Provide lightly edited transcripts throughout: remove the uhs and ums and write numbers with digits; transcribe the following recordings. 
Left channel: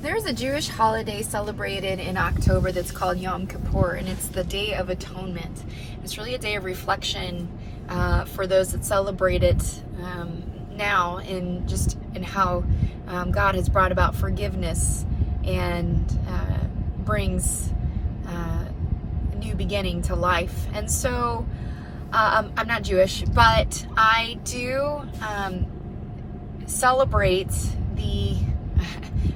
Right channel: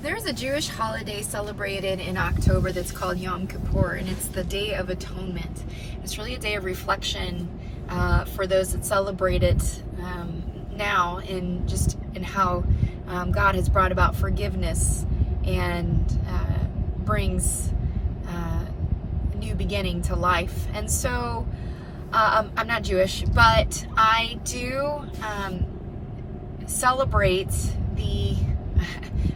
There's a Jewish holiday celebrated in October that's called Yom Kippur, and it's the Day of Atonement. It's really a day of reflection for those that celebrate it now in how God has brought about forgiveness and brings a new beginning to life. And so I'm not Jewish, but I do celebrate the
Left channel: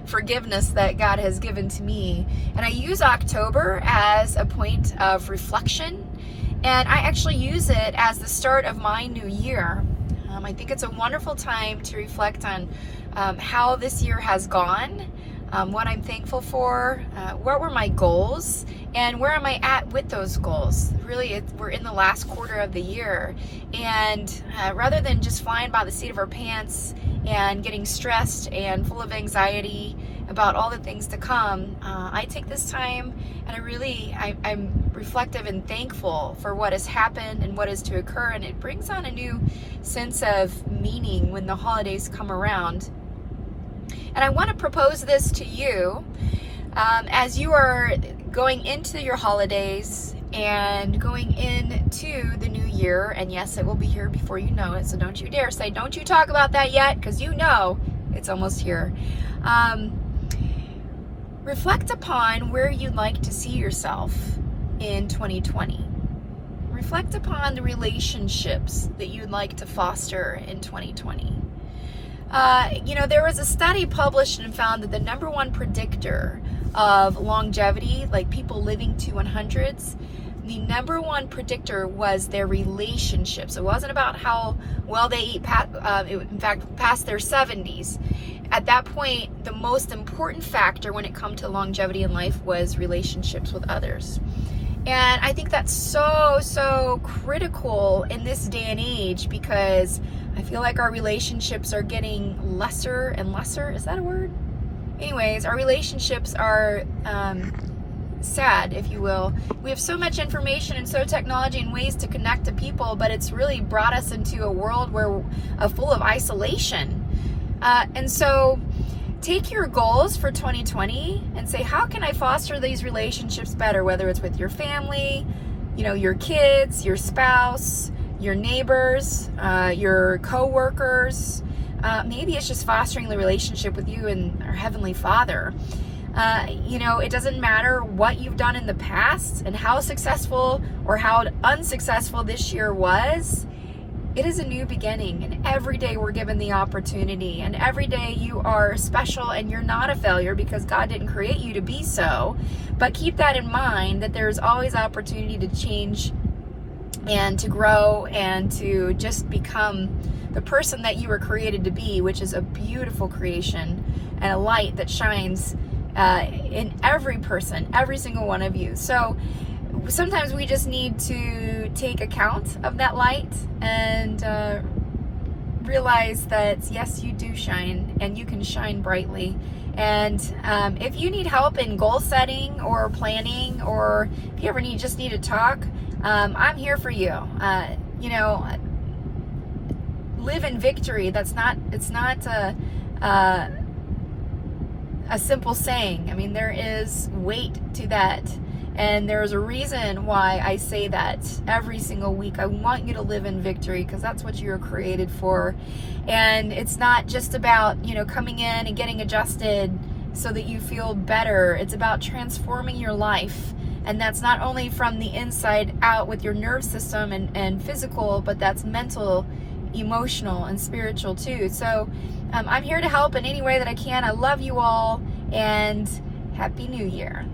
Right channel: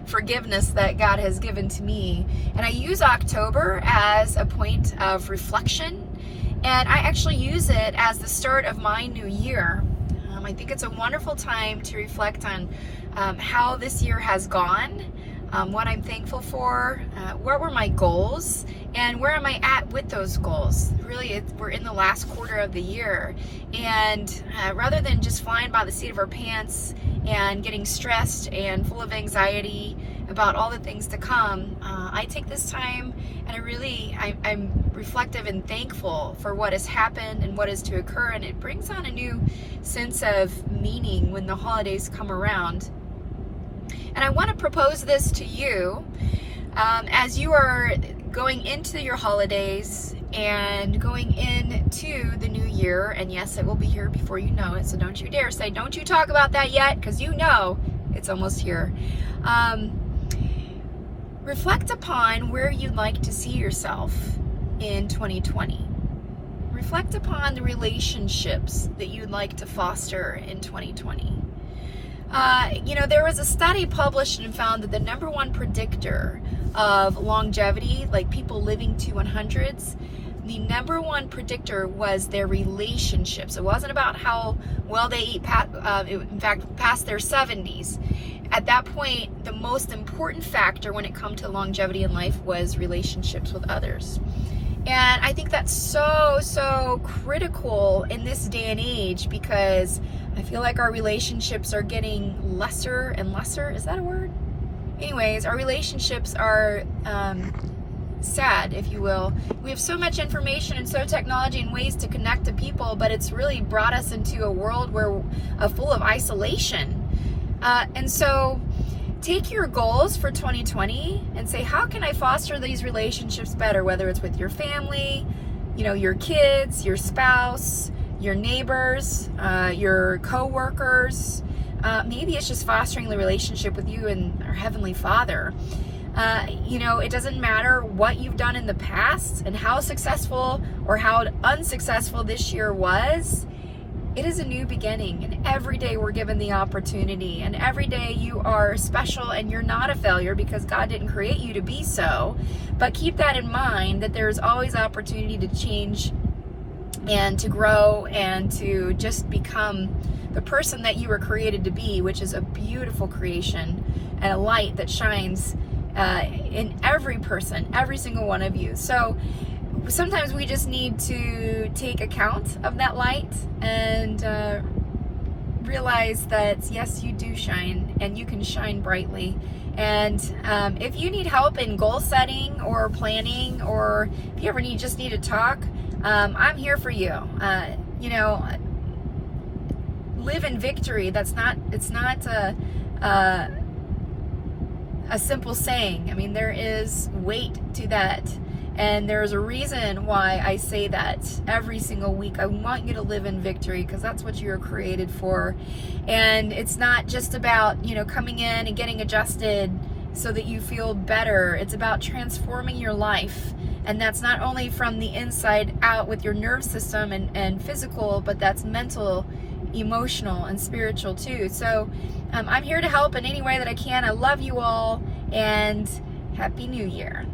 forgiveness that God has given to me. And I use October as a point of reflection. And I actually use it as the start of my new year. I think it's a wonderful time to reflect on how this year has gone, what I'm thankful for, what were my goals, and where am I at with those goals. Really, we're in the last quarter of the year. And rather than just flying by the seat of our pants and getting stressed and full of anxiety about all the things to come, I take this time and I'm reflective and thankful for what has happened and what is to occur, and it brings on a new sense of meaning when the holidays come around. And I want to propose this to you as you are going into your holidays and going into the new year. And yes, it will be here before you know it. So don't you dare say, don't you talk about that yet, because you know it's almost here. Reflect upon where you'd like to see yourself in 2020. Reflect upon the relationships that you'd like to foster in 2020. There was a study published and found that the number one predictor of longevity, like people living to 100s, the number one predictor was their relationships. It wasn't about how well they eat, in fact, past their 70s. At that point, the most important factor when it comes to longevity in life was relationships with others. And I think that's so critical in this day and age, because I feel like our relationships are getting lesser and lesser. Is that a word? Anyways, our relationships are sad, if you will. We have so much information and so technology and ways to connect to people, but it's really brought us into a world where full of isolation. And so take your goals for 2020 and say, how can I foster these relationships better? Whether it's with your family, your kids, your spouse, your neighbors, your co-workers. Maybe it's just fostering the relationship with you and our Heavenly Father. It doesn't matter what you've done in the past and how successful or how unsuccessful this year was. It is a new beginning, and every day we're given the opportunity, and every day you are special and you're not a failure, because God didn't create you to be so. But keep that in mind, that there's always opportunity to change and to grow and to just become the person that you were created to be, which is a beautiful creation and a light that shines in every person, every single one of you. So sometimes we just need to take account of that light and realize that yes, you do shine, and you can shine brightly. And if you need help in goal setting or planning, or if you ever need to talk, I'm here for you. Live in victory. It's not a simple saying. I mean, there is weight to that. And there's a reason why I say that every single week. I want you to live in victory, because that's what you're created for. And it's not just about, coming in and getting adjusted so that you feel better. It's about transforming your life. And that's not only from the inside out with your nerve system and physical, but that's mental, emotional, and spiritual too. So I'm here to help in any way that I can. I love you all, and Happy New Year.